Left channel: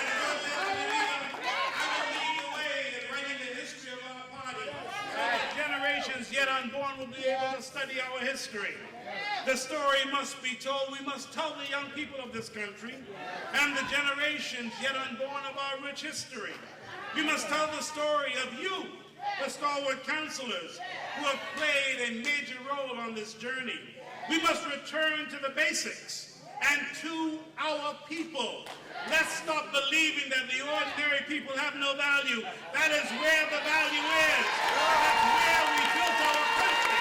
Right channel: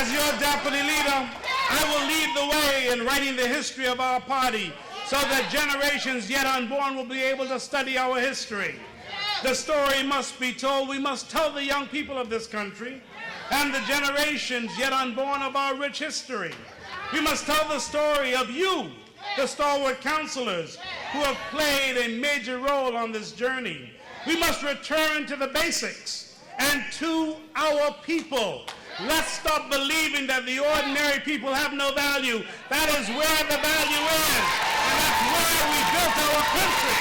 As your deputy leader, I will lead the way in writing the history of our party so that generations yet unborn will be able to study our history. The story must be told. We must tell the young people of this country and the generations yet unborn of our rich history. We must tell the story of you, the stalwart counselors, who have played a major role on this journey. We must return to the basics and to our people. Let's stop believing that the ordinary people have no value. That is where the value is. And that's where we built our country.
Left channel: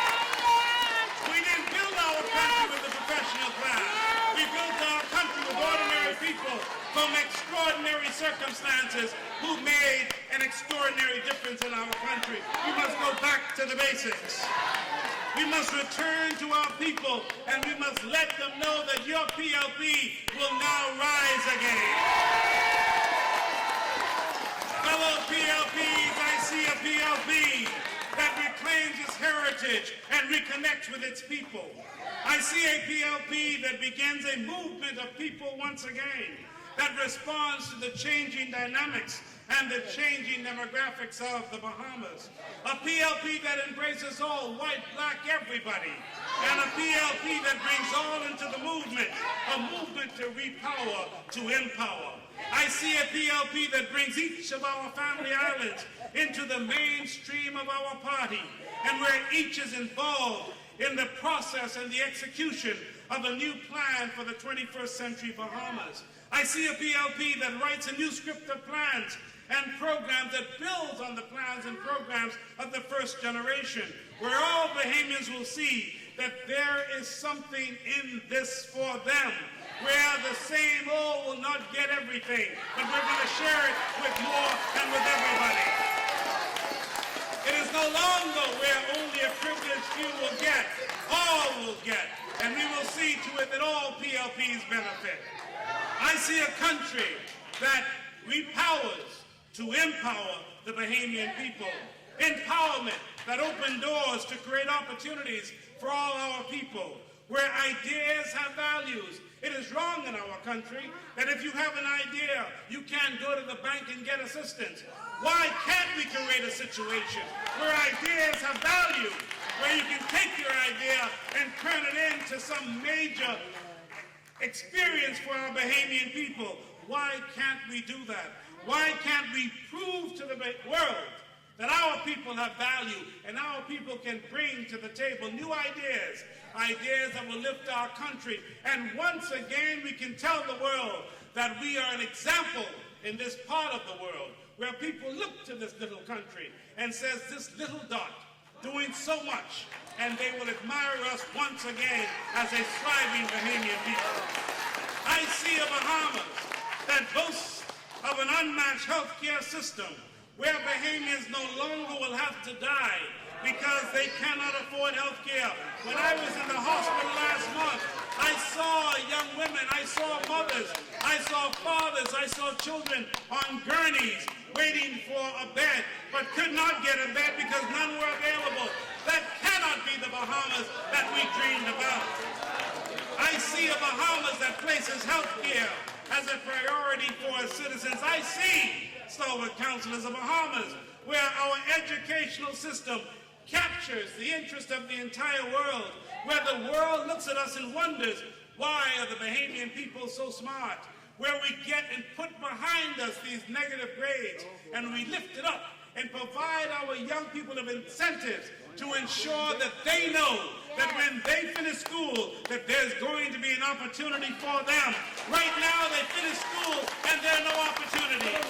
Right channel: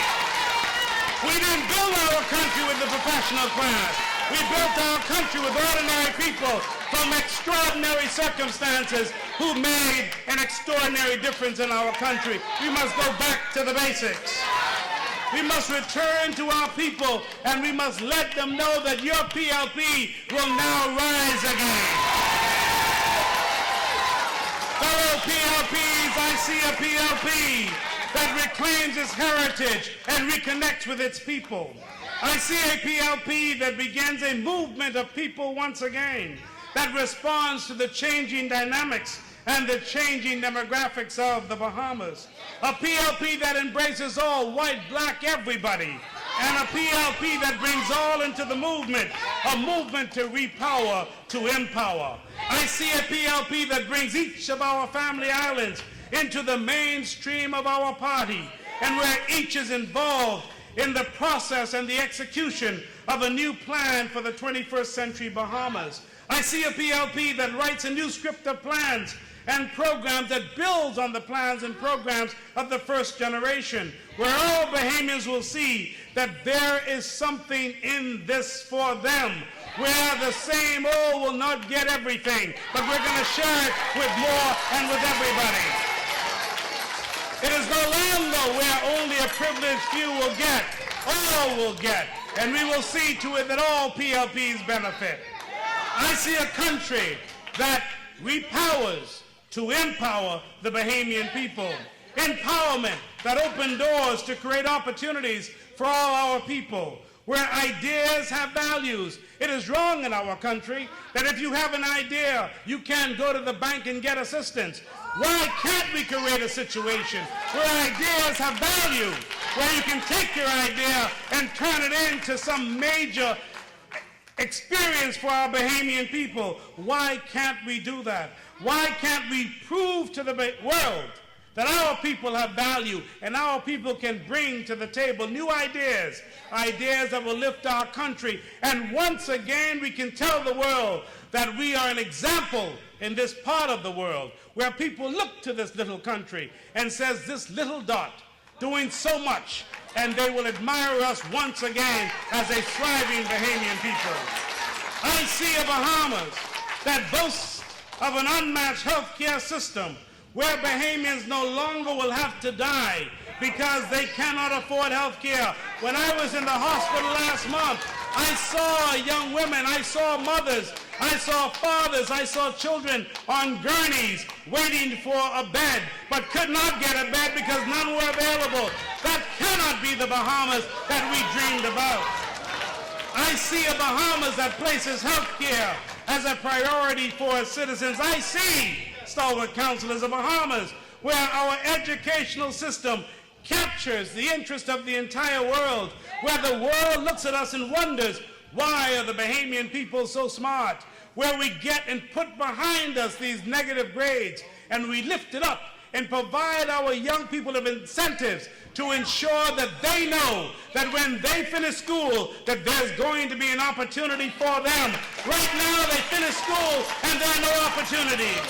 We didn't build our country with the professional class. We built our country with ordinary people from extraordinary circumstances who made an extraordinary difference in our country. We must go back to the basics. We must return to our people, and we must let them know that your PLP will now rise again. Fellow PLPs, I see a PLP that reclaims its heritage and reconnects with its people. I see a PLP that begins a movement of people once again, that responds to the changing dynamics and the changing demographics of the Bahamas. A PLP that embraces all, white, black, everybody. And a PLP that brings all into the movement, a movement to repower, to empower. I see a PLP that brings each of our family islands into the mainstream of our party, and where each is involved in the process and the execution of a new plan for the 21st century Bahamas. I see a PLP that writes a new script of plans and programs that builds on the plans and programs of the first generation, where all Bahamians will see that there is something in this for them, where the same old will not get everything, but we're going to share it with more and with everybody. It is no longer where only a privileged few will get, all will get, and we will see to it that all PLPs benefit. I see a country that repowers to empower the Bahamian people. Empowerment that opens doors to create opportunities for all our people, where ideas have values. It is wrong in our country that if you have an idea, you can't go to the bank and get assistance. Why can't we create a situation where ideas have value, where you can take your idea and turn it into some major experience for our Bahamian people? Why can't we do that? Why can't we prove to the world that our people have value and our people can bring to the table new ideas, ideas that will lift our country, and once again we can tell the world that we are an example in this part of the world, where people look to this little country and says, this little dot doing so much, and they will admire us once again as a thriving Bahamian people. I see a Bahamas that boasts of an unmatched healthcare system, where Bahamians no longer will have to die because they cannot afford health care. When I was in the hospital last month, I saw young women, I saw mothers, I saw fathers, I saw children on gurneys waiting for a bed, but could not get a bed because none were available. That cannot be the Bahamas that we dreamed about. I see a Bahamas that places health care as a priority for its citizens. I see stalwart counselors of Bahamas, where our educational system captures the interest of the entire world, where the world looks at us and wonders, why are the Bahamian people so smart? Where we get and put behind us these negative grades, and we lift it up and provide our young people with incentives to ensure that they know that when they finish school, that there's going to be an opportunity for them. Right now, they finish school and there are no opportunities.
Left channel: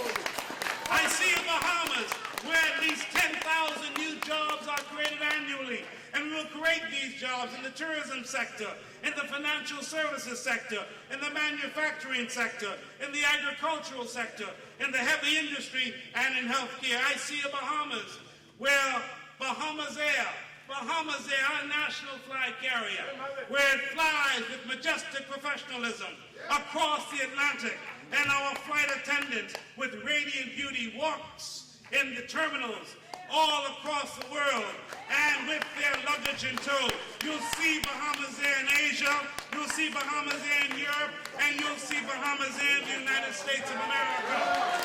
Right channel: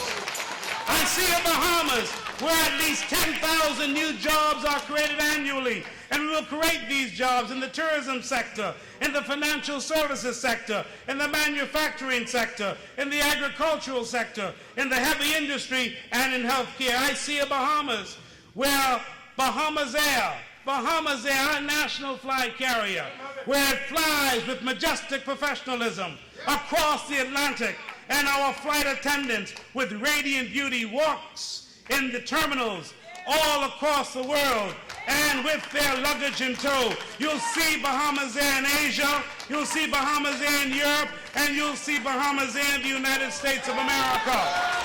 I see a Bahamas where at least 10,000 new jobs are created annually, and we will create these jobs in the tourism sector, in the financial services sector, in the manufacturing sector, in the agricultural sector, in the heavy industry, and in healthcare. I see a Bahamas where Bahamas Air, our national flag carrier, where it flies with majestic professionalism across the Atlantic, and our flight attendants with radiant beauty walks in the terminals all across the world and with their luggage in tow. You'll see Bahamas Air in Asia, you'll see Bahamas Air in Europe, and you'll see Bahamas Air in the United States of America.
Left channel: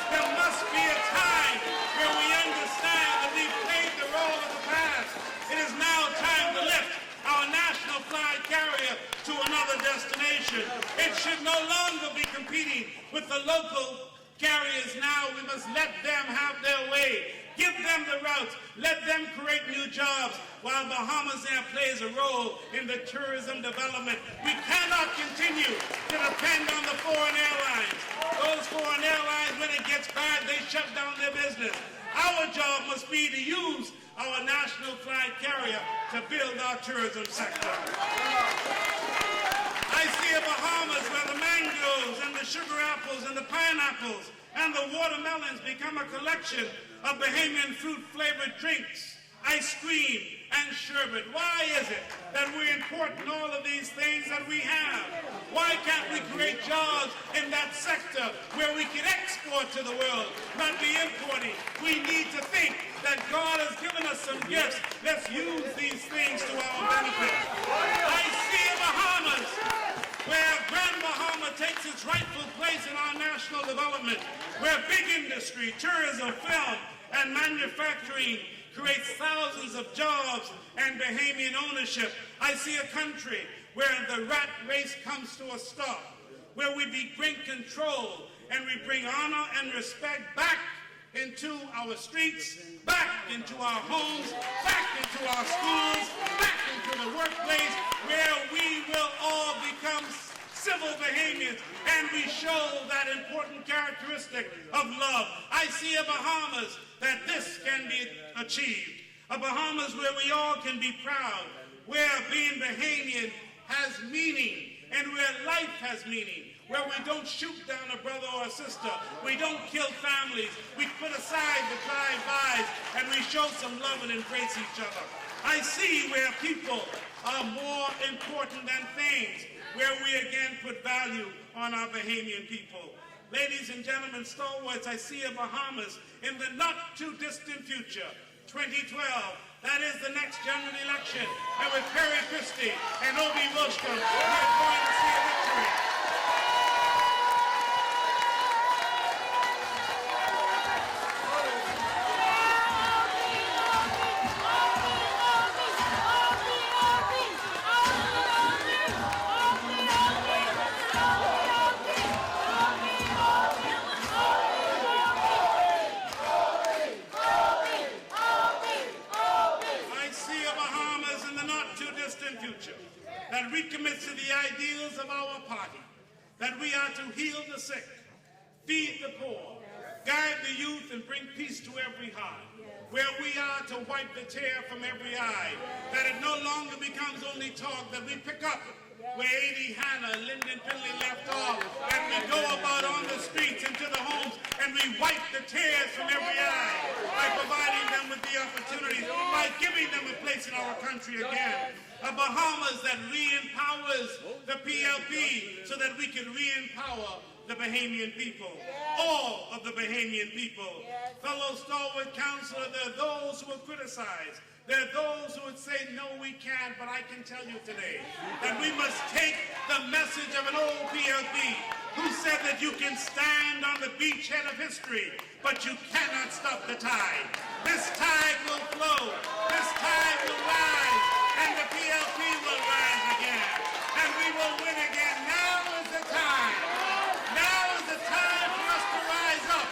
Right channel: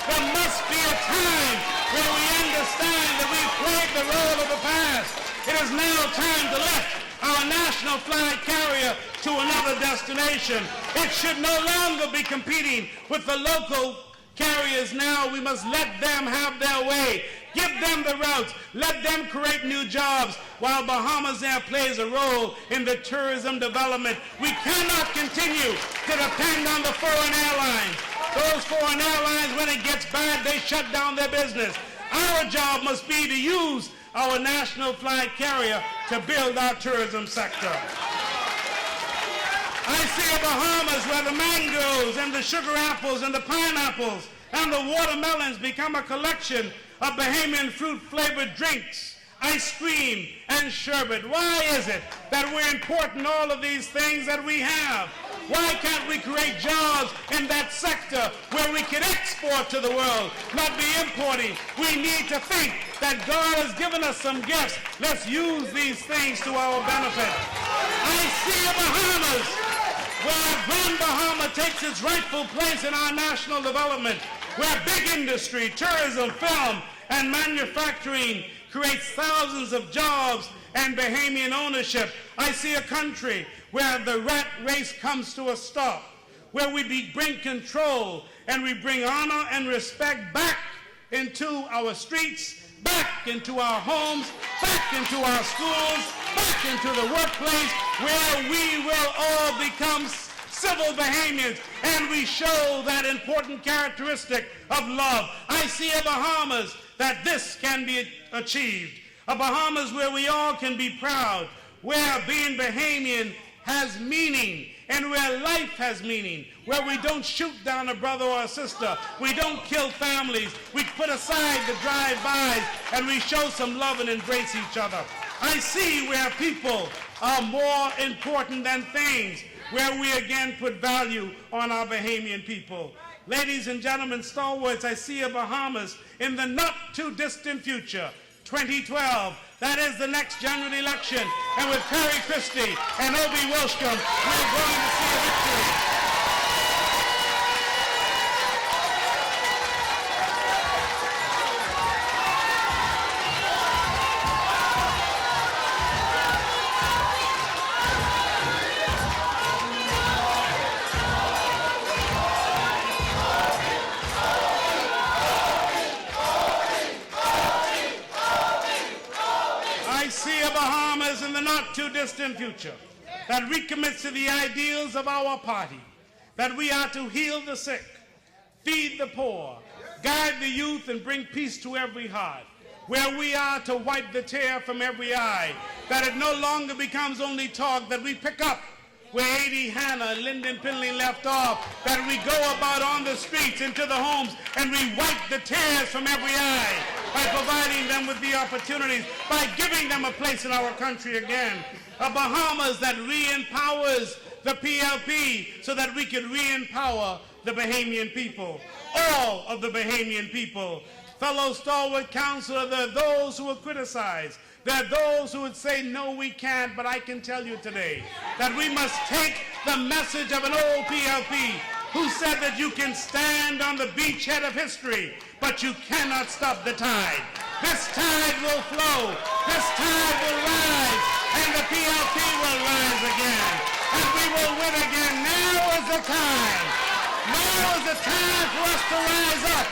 There must be a time where we understand that we've played the role of the past. It is now time to lift our national flag carrier to another destination. It should no longer be competing with the local carriers now. We must let them have their way. Give them the routes. Let them create new jobs while Bahamas Air plays a role in the tourism development. We cannot continue to depend on the foreign airlines. Those foreign airlines, when it gets bad, they shut down their business. Our job must be to use our national flag carrier to build our tourism sector. I see a Bahamas where the mangoes and the sugar apples and the pineapples and the watermelons become a collection of Bahamian fruit-flavored drinks, ice cream, and sherbet. Why is it that we're importing all of these things that we have? Why can't we create jobs in that sector where we can export to the world, not be importing? We need to think that God has given us some gifts. Let's use these things to our benefit. I see a Bahamas where Grand Bahama takes its rightful place in our national development, where big industry, tourism, film, and manufacturing creates thousands of jobs and Bahamian ownership. I see a country where the rat race comes to a stop, where we bring control and we bring honor and respect back into our streets, back into our homes, back into our schools, back into the workplace, where we will all become civil Bahamians, and we show that important characteristic of love. I see a Bahamas that this can be achieved. A Bahamas where we all can be proud, where being Bahamian has meaning, and where life has meaning, where we don't shoot down a brother or a sister, we don't kill families, we put aside the drive-bys, and we show some love and embrace each other. I see where people are more important than things, where we again put value on our Bahamian people. Ladies and gentlemen, stalwarts, I see a Bahamas in the not-too-distant future, 2012. That is the next general election. And with Perry Christie and Obie Wilchcombe, we're going to see a victory. Not-too-distant future that recommits to the ideals of our party, that we are to heal the sick, feed the poor, guide the youth, and bring peace to every heart, where we are to wipe the tear from every eye, that it no longer becomes only talk, that we pick up where A.D. Hanna and Lyndon Pinley left off, that we go about on the streets into the homes and we wipe the tears from every eye by providing them with the opportunities, by giving them a place in our country again. A Bahamas that re-empowers the PLP so that we can re-empower the Bahamian people, all of the Bahamian people. Fellow stalwart counselor, there are those who will criticize. There are those who would say, no, we can't, but I can tell you today that we must take the message of an old PLP who said that you can stand on the beachhead of history, but you cannot stop the tide. This tide will flow, this tide will rise, and the PLP will rise again, and we will win again. Now is the time. Now is the time for us to rise up